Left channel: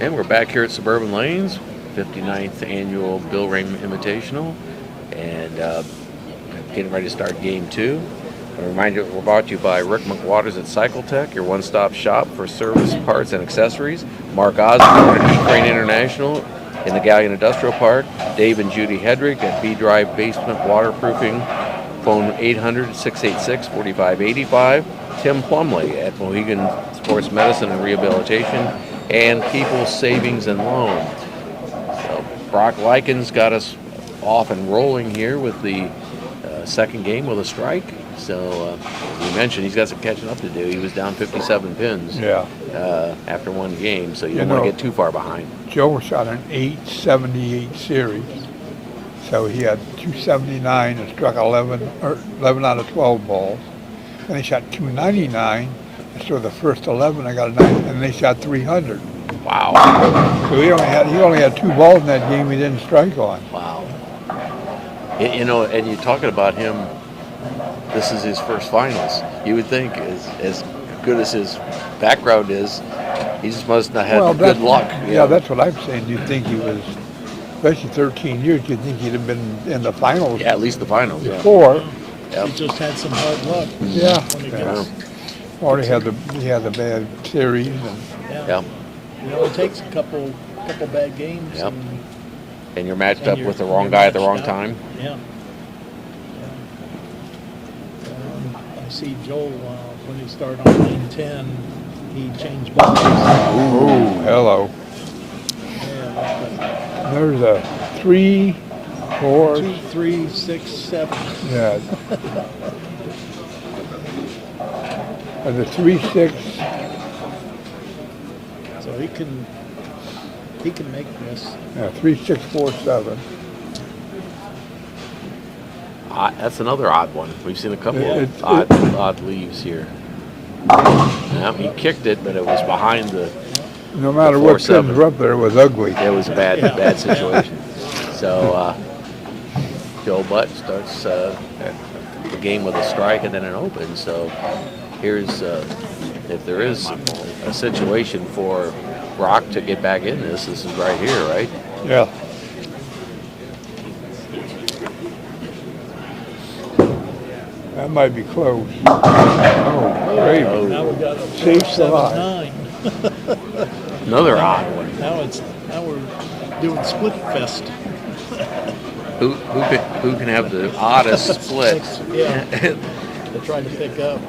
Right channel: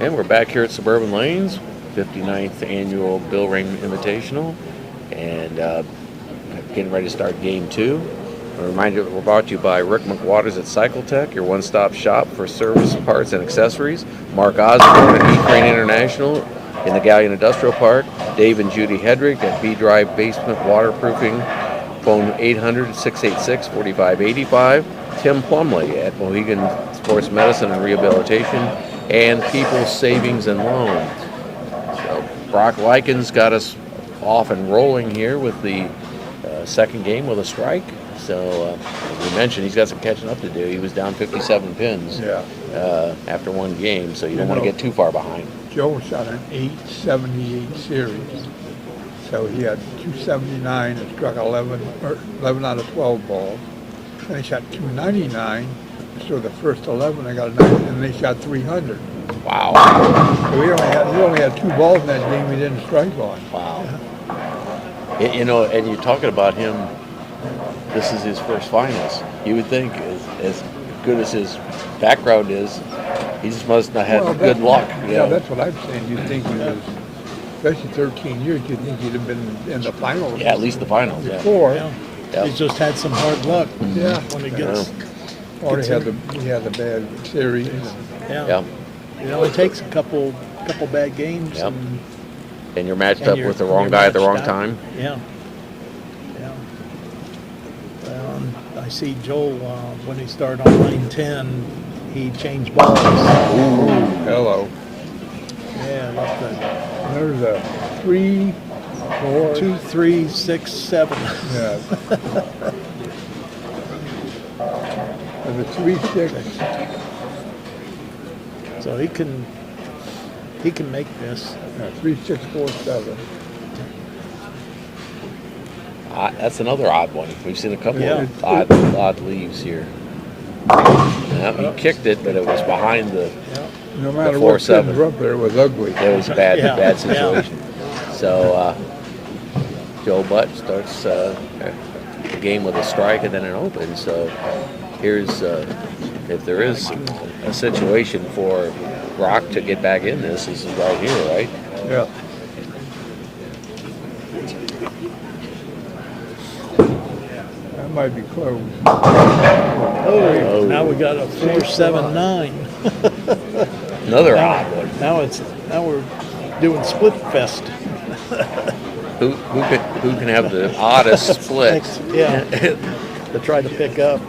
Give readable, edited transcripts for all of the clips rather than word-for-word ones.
And we're back here at Suburban Lanes, 59th annual Bill Rahm Invitational, and getting ready to start game 2. A reminder that we're brought to you by Rick McWaters at Cycle Tech, your one-stop shop for service, parts, and accessories. Mark Osborne at E-Crane International in the Galleon Industrial Park. Dave and Judy Hedrick at B-Drive Basement Waterproofing. Phone 800-686-4585. Tim Plumley at Mohegan Sports Medicine and Rehabilitation. And People's Savings and Loan. So Brock Lykens got us off and rolling here with the second game with a strike. So as we mentioned, he's got some catching up to do. He was down 57 pins after one game, so you don't want to get too far behind. Joe shot an 878 series, so he had 279 and struck 11 out of 12 balls. And he shot 299. So the first 11, I got a 9, and they shot 300. Wow. So he only had 2 balls in that game he didn't strike on. Wow. You know, and you're talking about him, this is his first finals. You would think, as good as his background is, he just must not have good luck. Yeah, that's what I'm saying. You'd think he was, especially 13 years, you'd think he'd have been in the finals. Yeah, at least the finals, before. Yeah. He just had some hard luck. Yeah. When he gets, Or he had a bad series. Yeah. You know, it takes a couple bad games. Yep. And you're matched up with the wrong guy at the wrong time. Yeah. I see Joel, when he started on lane 10, he changed balls. Ooh, hello. Yeah. There's a 3, 4. 2, 3, 6, 7. Yeah. And the 3, 6. So he can make this. Yeah, 3, 6, 4, 7. That's another odd one. We've seen a couple of odd leaves here. Yeah, he kicked it, but it was behind the No matter the what 4-7. were up there, it was ugly. It was a bad situation. So Joe Butt starts the game with a strike and then an open. So here's if there is a situation for Brock to get back in this is right here, right? Yeah. That might be close. Oh, now we got a 4-7-9. Another odd one. Now we're doing split fest. Who can have the oddest split? Yeah. To try to pick up.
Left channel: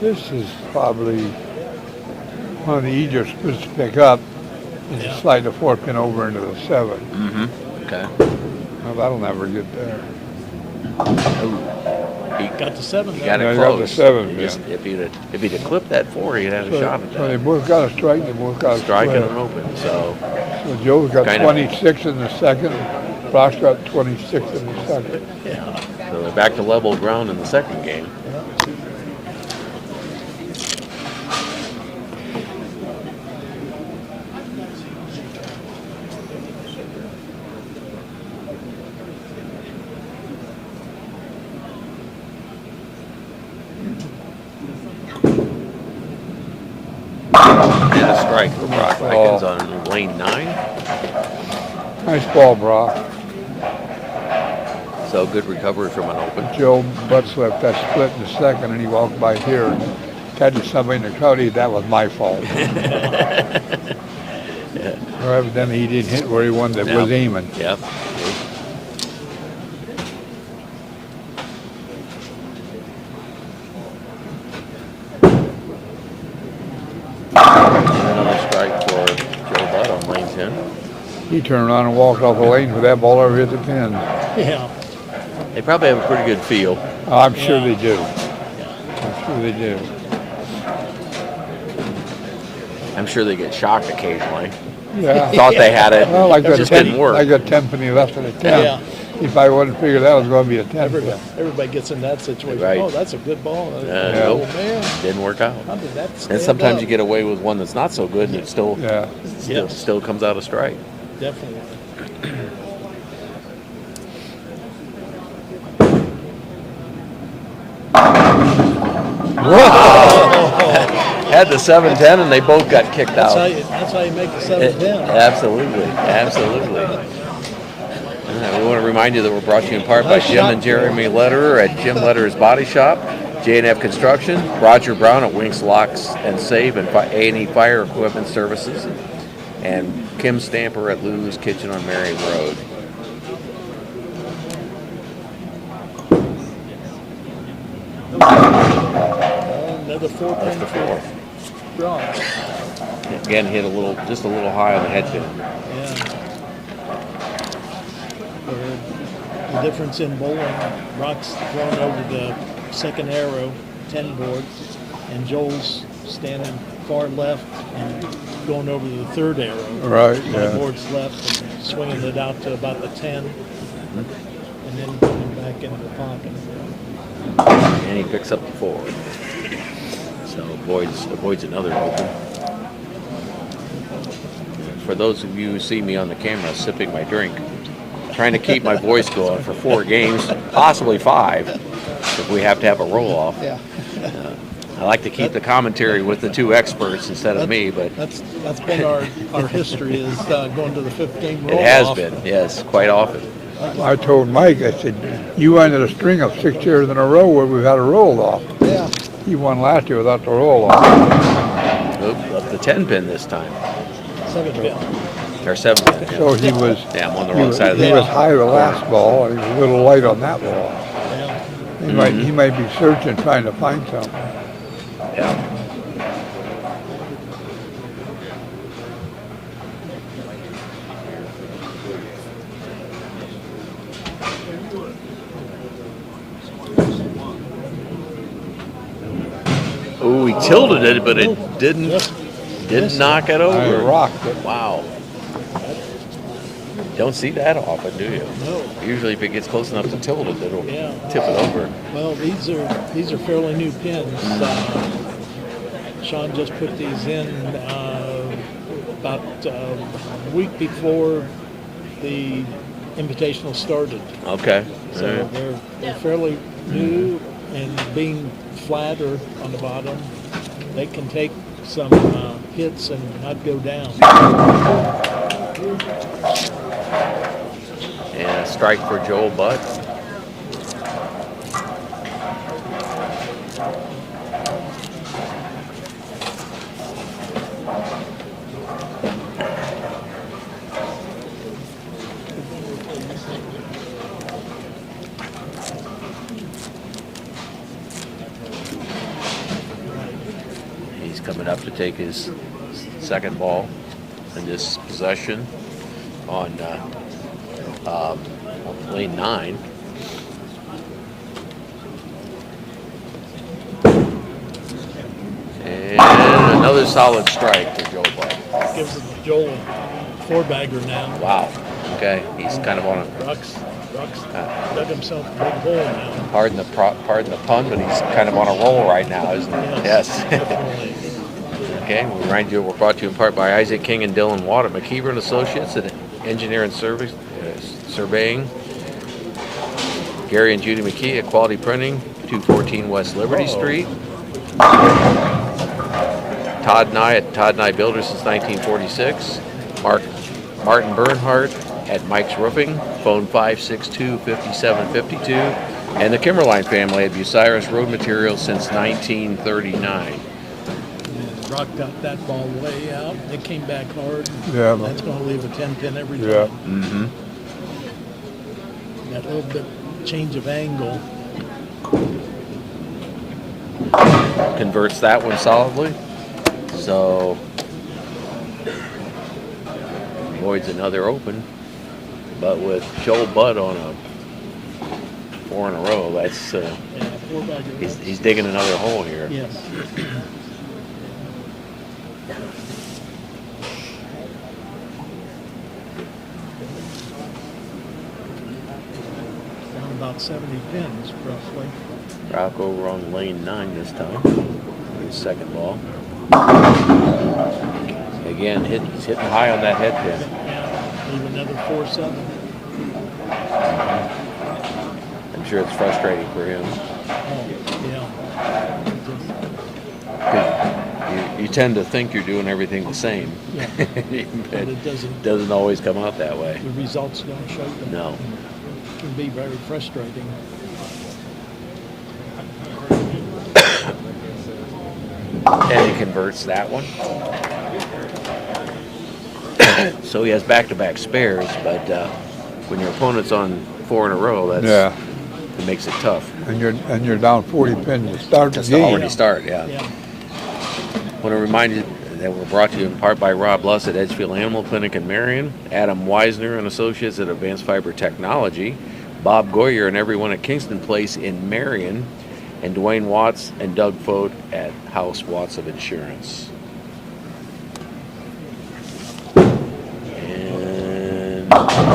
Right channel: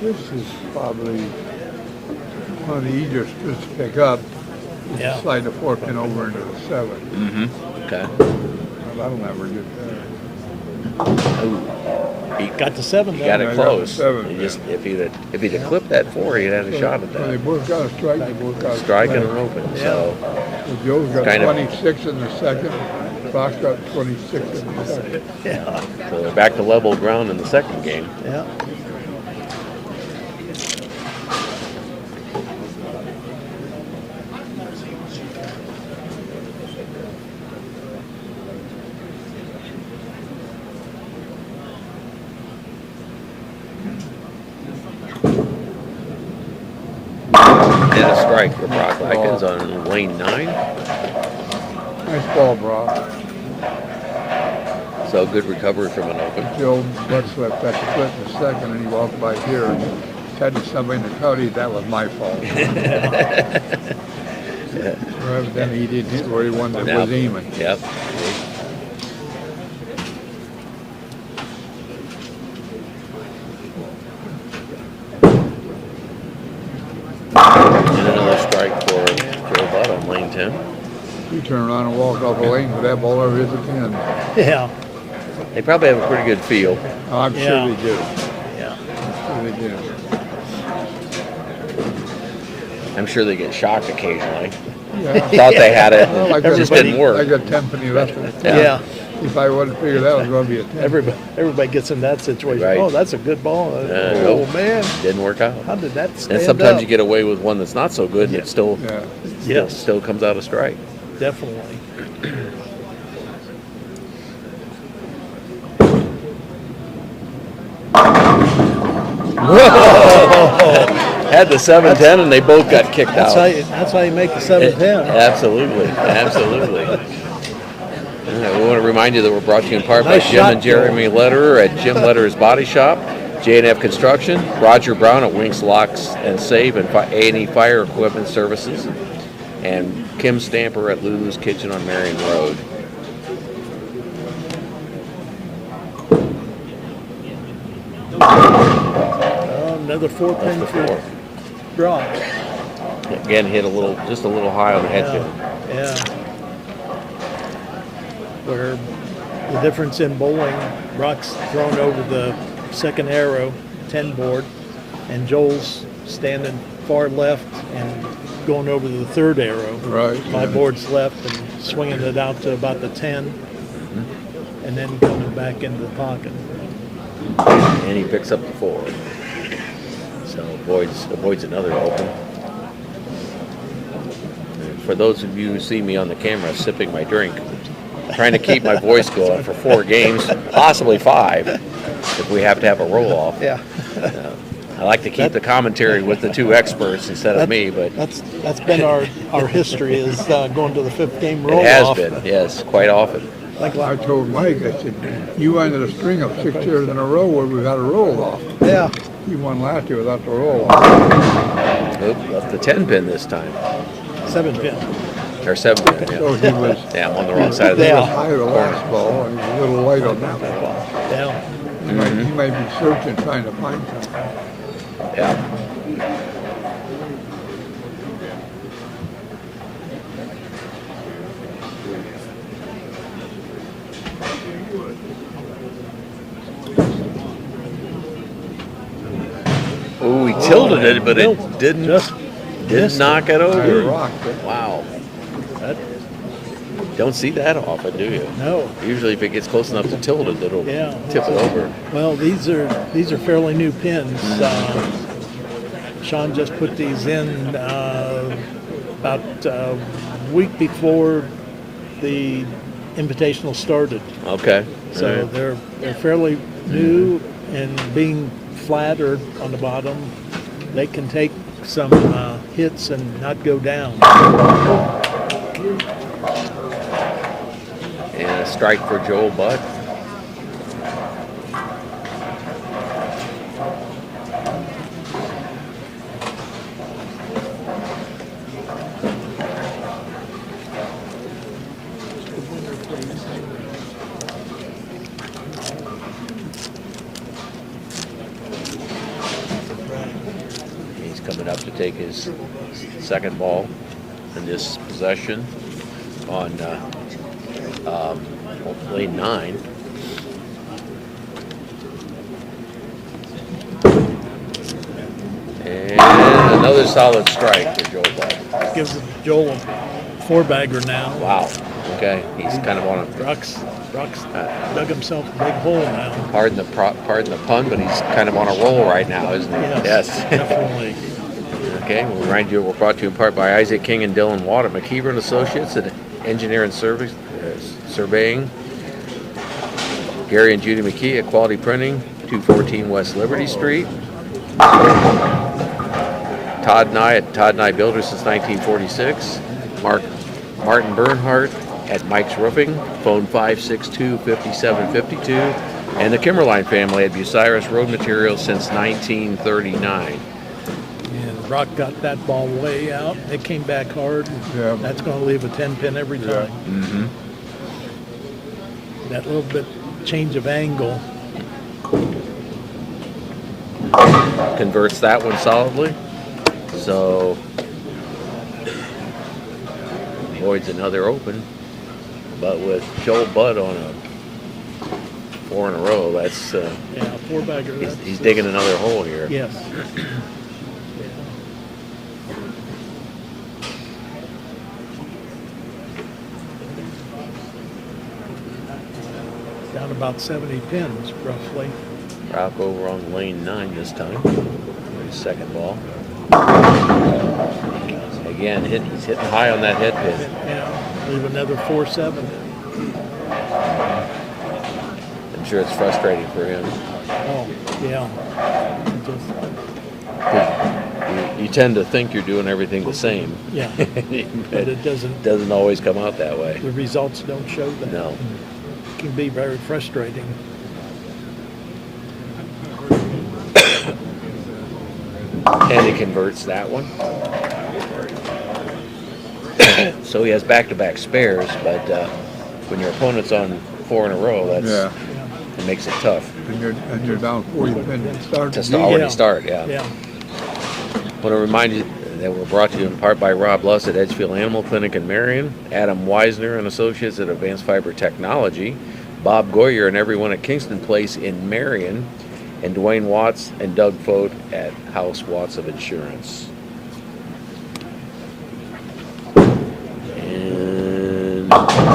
This is probably one of the easier splits to pick up. Just slide the 4 pin over into the 7. Mm-hmm. Okay. Well, that'll never get there. Oh, he got the 7. He got it close. Seven, if he'd have clipped that 4, he'd had a shot at They that. both got a strike. They both got a Strike and an open. So Joe's got kind of- 26 in the second. Brock's got 26 in the second. Yeah. so they're back to level ground in the second game. Yeah. And a strike for Brock Lykens on lane 9. Nice ball, Brock. So good recovery from an open. Joe Butts left that split in the second, and he walked by here and tried to somebody in the crowd. That was my fault. Or evidently he didn't hit where he wanted that was aiming. Yep. And another strike for Joe Butt on lane 10. He turned around and walked off the lane with that ball over his pin. Yeah. They probably have a pretty good feel. Oh, I'm sure Yeah. they do. Yeah. I'm sure they do. I'm sure they get shocked occasionally. Yeah. Thought they had it, Well, like it just everybody- didn't work. I got 10 penny left in the 10. Yeah. If I wouldn't figure that was going to be a 10. Everybody gets in that situation. Right. Oh, that's a good ball. Nope, man. didn't work out. How did that stand And sometimes up? you get away with one that's not so good, and it still Yes. still comes out a strike. Definitely. had the 710, and they both got kicked out. That's how you make the 710. Absolutely, absolutely. We want to remind you that we're brought to you in part by Jim and Jeremy Lederer at Jim Lederer's Body Shop, J&F Construction, Roger Brown at Winks Locks and Save and A&E Fire Equipment Services, and Kim Stamper at Lulu's Kitchen on Marion Road. Another 4 That's the 4. Draw. Again, hit just a little high on the head pin. Yeah. Where the difference in bowling, Brock's thrown over the second arrow, 10 board, and Joel's standing far left and going over the third arrow. Right. My board's left and swinging it out to about the 10, and then going back into the pocket. And he picks up the 4. So avoids another open. And for those of you who see me on the camera sipping my drink, trying to keep my voice going for 4 games, possibly 5, if we have to have a roll-off. Yeah. I like to keep the commentary with the 2 experts instead of me, but That's been our history is going to the 5th game roll-off. it has been, yes, quite often. I told Mike, I said, you ended a string of 6 years in a row where we've had a roll-off. Yeah. He won last year without the roll-off. Oop, left the 10 pin this time. 7 pin. Or 7 pin, So yeah. he was, Yeah, I'm on the wrong side of he the was high the corner. last ball. He was a little light on that one. Yeah. He might be searching, trying to find something. Yeah. Oh, he tilted it, but it didn't knock it over. Rock. Wow. Don't see that often, do you? No. Usually, if it gets close enough to tilt it, it'll Yeah. tip it over. Well, these are fairly new pins. Sean just put these in about a week before the Invitational started. Okay. So All right. they're fairly new, and being flatter on the bottom, they can take some hits and not go down. And a strike for Joel Butt. He's coming up to take his second ball in this possession on lane 9. And another solid strike for Joel Butt. Gives Joel a 4-bagger now. Wow. Okay. He's kind of on a Rock's dug himself a big hole now. pardon the pun, but he's kind of on a roll right now, isn't he? Yes. Definitely. Okay. We remind you we're brought to you in part by Isaac King and Dylan Watt at McKeever and Associates and Engineer and Service Surveying. Gary and Judy McKee at Quality Printing, 214 West Liberty Street. Todd Nye at Todd Nye Builders since 1946. Martin Bernhardt at Mike's Roofing, phone 562-5752. And the Kimmerline family at Bucyrus Road Materials since 1939. And Rock got that ball way out. It came back hard. Yeah. That's going to leave a 10 pin every Yeah. time. Mm-hmm. That little bit change of angle. Converts that one solidly. So avoids another open. But with Joel Butt on a 4 in a row, that's Yeah, 4-bagger. he's digging another hole here. Yes. Down about 70 pins, roughly. Rock over on lane 9 this time. His second ball. Again, he's hitting high on that head pin. Yeah, leave another 4-7. I'm sure it's frustrating for him. Oh, yeah. you tend to think you're doing everything the same. Yeah. But But it doesn't always come out that way. the results don't show that. No. It can be very frustrating. And he converts that one. So he has back-to-back spares, but when your opponent's on 4 in a row, it makes it tough And you're down 40 pins to start. just the to game. already start. Yeah. Yeah. Want to remind you that we're brought to you in part by Rob Luss at Edgefield Animal Clinic in Marion, Adam Weisner and Associates at Advanced Fiber Technology, Bob Goyer and everyone at Kingston Place in Marion, and Dwayne Watts and Doug Fote at House Watts of Insurance. And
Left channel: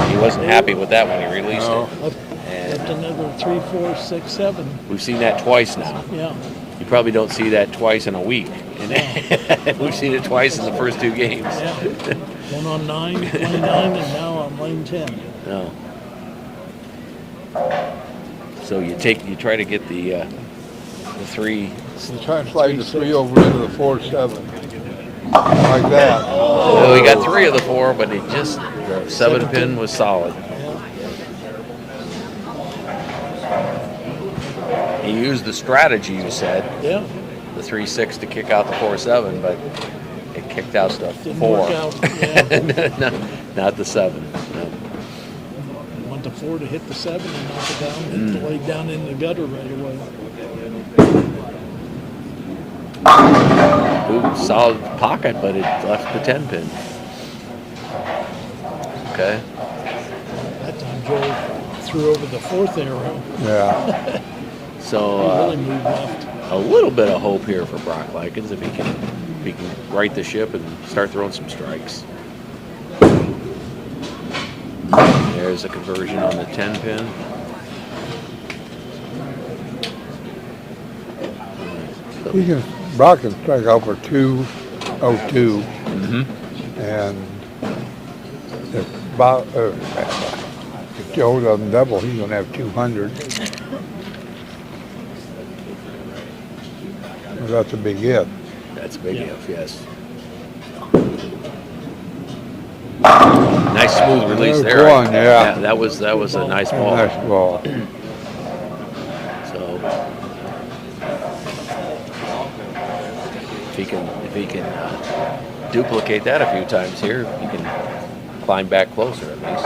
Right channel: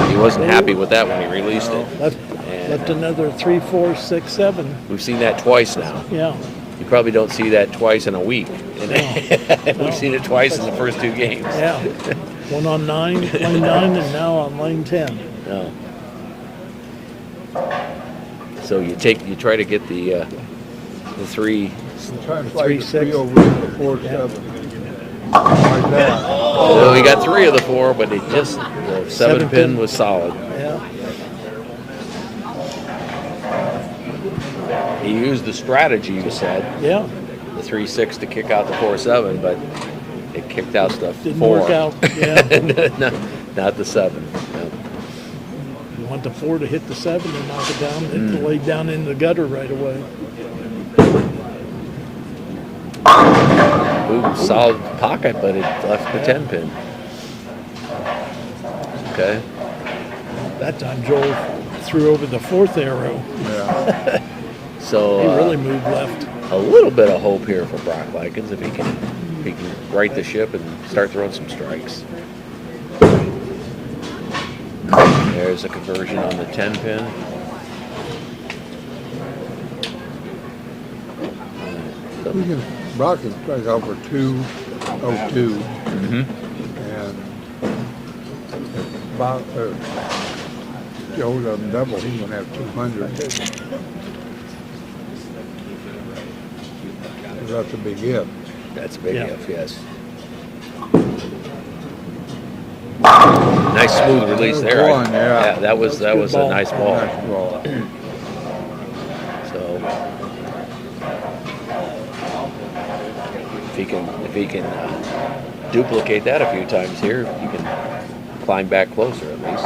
he wasn't happy with that when he released it. Left And another 3, 4, 6, 7. we've seen that twice now. Yeah. You probably don't see that twice in a week. And we've seen it twice in the first 2 games. Yeah. One on 9, lane 9, and now on lane 10. No. So you try to get the 3. You try and slide the 3-6. 3 over into the 4-7. Like that. Oh, he got 3 of the 4, but it just the 7 pin was solid. Yeah. He used the strategy you said, Yeah. the 3-6 to kick out the 4-7, but it kicked out the Didn't 4. work out. Yeah. not the 7. No. You want the 4 to hit the 7 and knock it down, and lay down in the gutter right away. Ooh, solid pocket, but it left the 10 pin. Okay. That time Joel threw over the 4th arrow. Yeah. So He really moved left. a little bit of hope here for Brock Lykens if he can right the ship and start throwing some strikes. There's a conversion on the 10 pin. So, Brock can strike out for 2-0-2. And if Joe doesn't double, he's going to have 200. Well, that's a big if. that's a big if, yes. Nice smooth release there. One, yeah. That was a nice ball. Nice ball. So if he can duplicate that a few times here, he can climb back closer at least.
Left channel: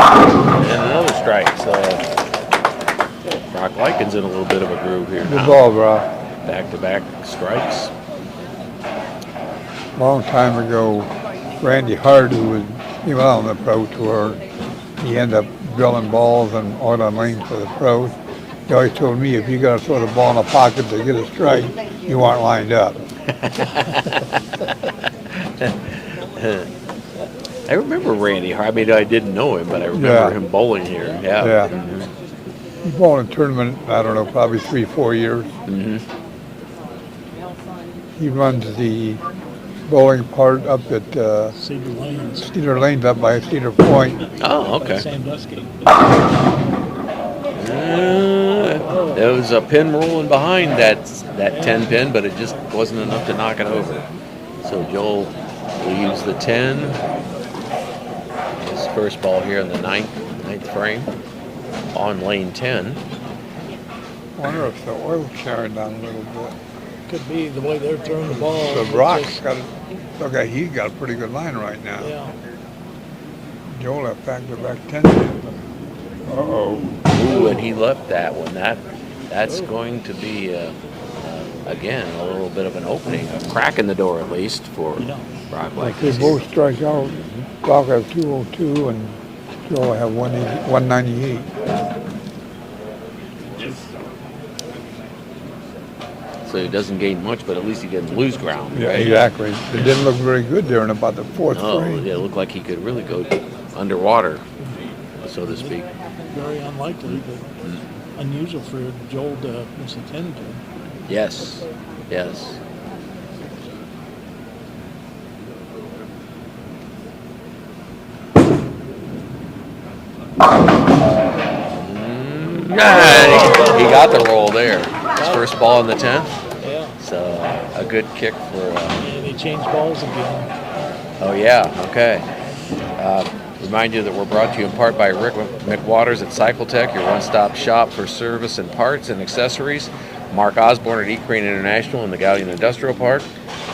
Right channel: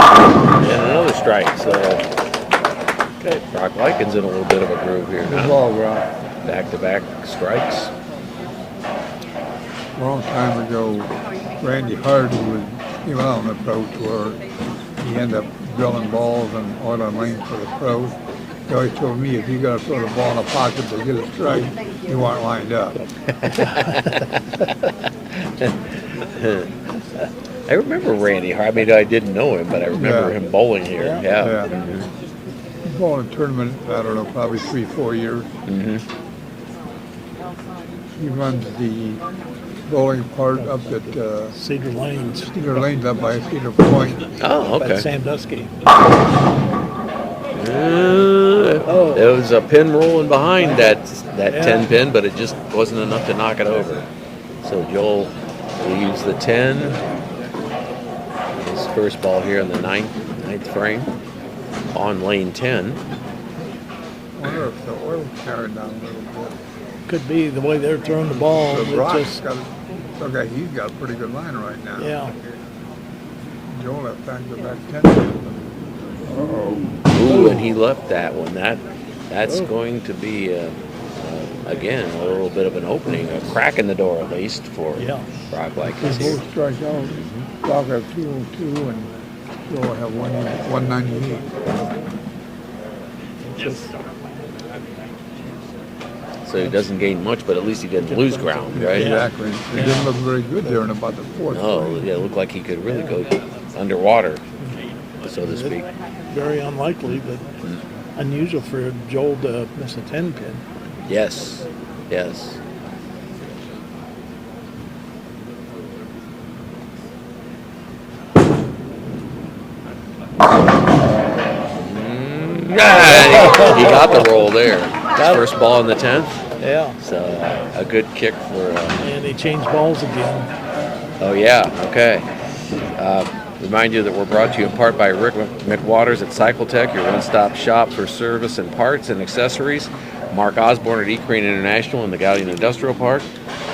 And another strike, so Brock Lykens in a little bit of a groove here Good now. ball, bro. Back-to-back strikes. Long time ago, Randy Hart, who was on the pro tour, he ended up drilling balls and on a lane for the pros. He always told me, if you got to throw the ball in the pocket to get a strike, you aren't lined up. I remember Randy Hart. I mean, I didn't know him, but I remember him bowling here. Yeah. Yeah. Mhm. He's bowled in a tournament, I don't know, probably 3-4 years. Mhm. He runs the bowling part up at Cedar Lanes. Cedar Lanes up by Cedar Point. Oh, At okay. Sandusky. There was a pin rolling behind that 10 pin, but it just wasn't enough to knock it over. So Joel will use the 10. His first ball here in the ninth frame on lane 10. I wonder if the oil's carrying down a little bit. Could be the way they're throwing the ball. The It Rock's just- got, okay, he's got a pretty good line right now. Yeah. Joel left back to back 10. Uh-oh. Ooh, and he left that one. That's going to be again a little bit of an opening, a crack in the door at least for Yeah. Brock They Lykens here. both strike out. Brock has 202 and Joel have 198. So he doesn't gain much, but at least he didn't lose ground, right? Exactly. It didn't look very good there in about the 4th No, frame. yeah, it looked like he could really go underwater, so to speak. Very unlikely, but unusual for Joel to miss a 10 pin. Yes. Yes. He got the roll there. His first ball in the 10th. Yeah. So a good kick for. And he changed balls again. Oh yeah. Okay. Remind you that we're brought to you in part by Rick McWaters at CycleTech, your one-stop shop for service and parts and accessories. Mark Osborne at E-Crane International in the Galleon Industrial Park.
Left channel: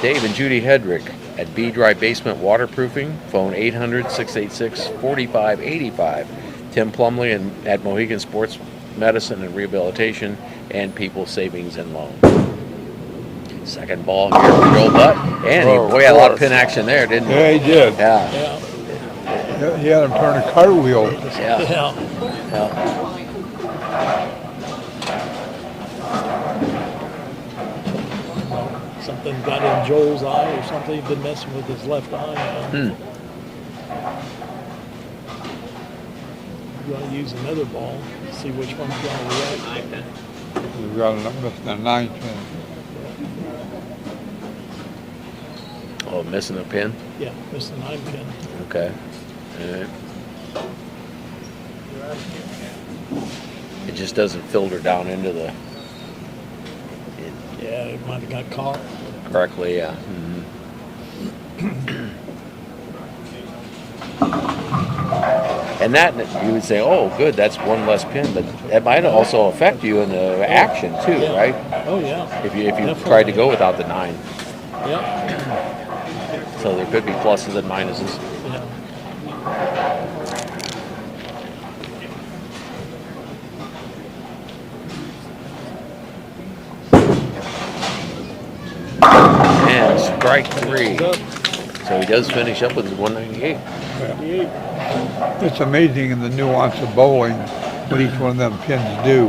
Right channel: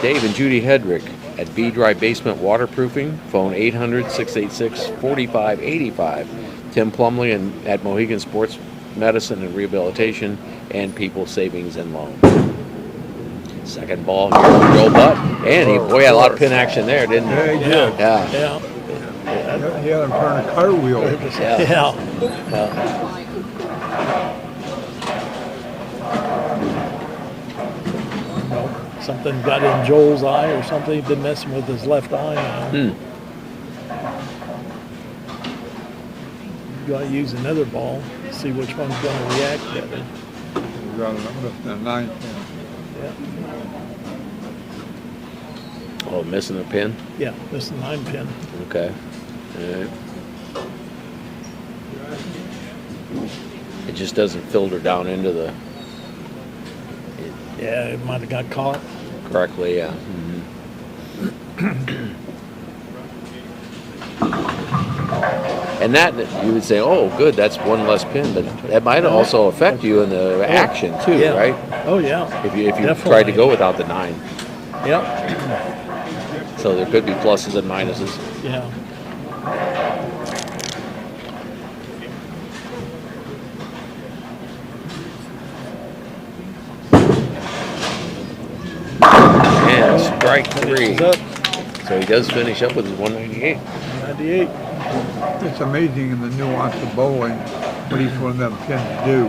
Dave and Judy Hedrick at B-Dry Basement Waterproofing. Phone 800-686-4585. Tim Plumley at Mohegan Sports Medicine and Rehabilitation and People Savings and Loan. Second ball here for Joel Butt. And he had a lot of pin action there, didn't he? Yeah, he did. Yeah. He had him turn a cartwheel. Yeah. Yeah. Something got in Joel's eye or something. He'd been messing with his left eye. You got to use another ball to see which one's going to react. We got a 9 pin. Oh, missing a pin? Yeah, missed the 9 pin. Okay. All right. It just doesn't filter down into the Yeah, it might have got caught. correctly, yeah. And that, you would say, oh, good, that's one less pin, but that might also affect you in the action too, Yeah. right? Oh, yeah. If you Definitely. tried to go without the 9. Yeah. So there could be pluses and minuses. Yeah. And strike 3. So he does finish up with 198. 98. It's amazing in the nuance of bowling what each one of them pins do.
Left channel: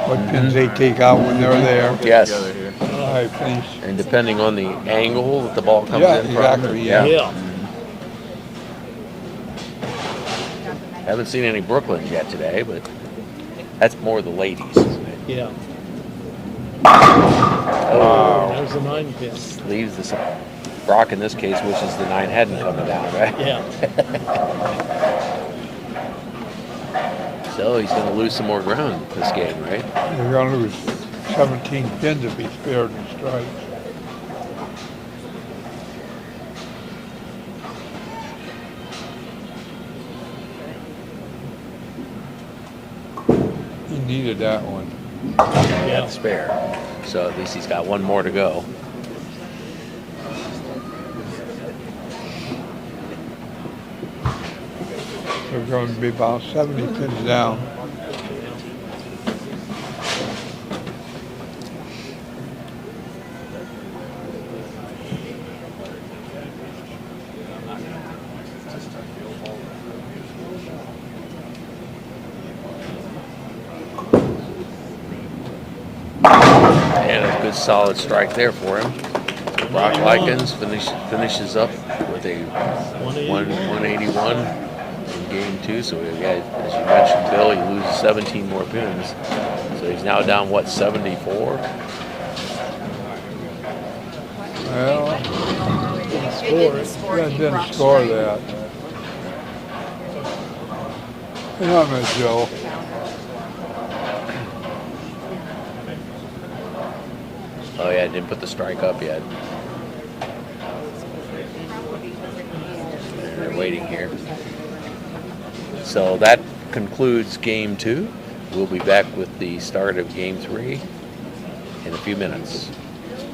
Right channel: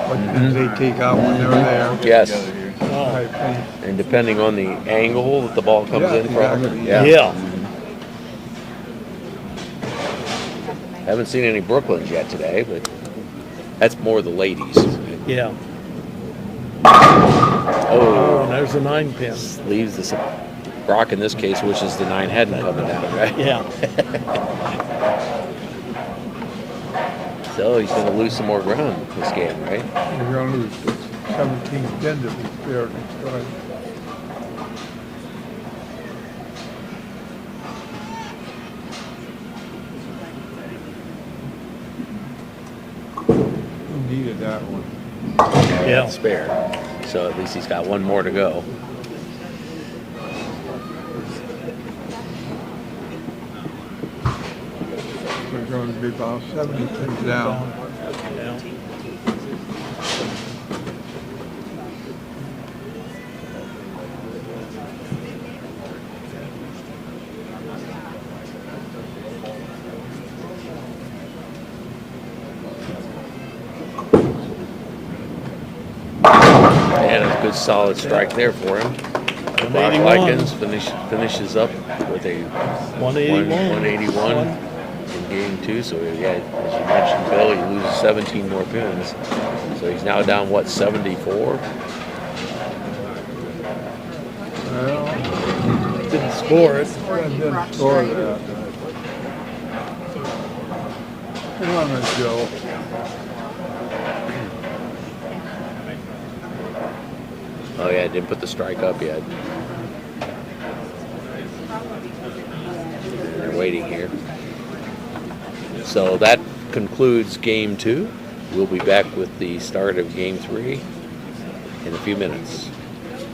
What pins they take out when they're there. Yes. All right, please. And depending on the angle that the ball comes in from. Exactly, Yeah. Haven't seen any Brooklyns yet today, but that's more the ladies. Yeah. Oh, There's a 9 pin. leaves the Brock in this case wishes the 9 hadn't coming down, right? Yeah. So he's going to lose some more ground this game, right? You're going to lose 17 pins to be fair to strike. He needed that one. Yeah. That's spare. So at least he's got one more to go. We're going to be about 70 pins down. And a good solid strike there for him. So Brock Lykens finishes up with a 181 in game 2. So yeah, as you mentioned, Bill, he loses 17 more pins. So he's now down, what, 74? Well, Didn't score it. didn't score that. Hang on a minute, Joe. Oh yeah, didn't put the strike up yet. And they're waiting here. So that concludes game 2. We'll be back with the start of game 3 in a few minutes.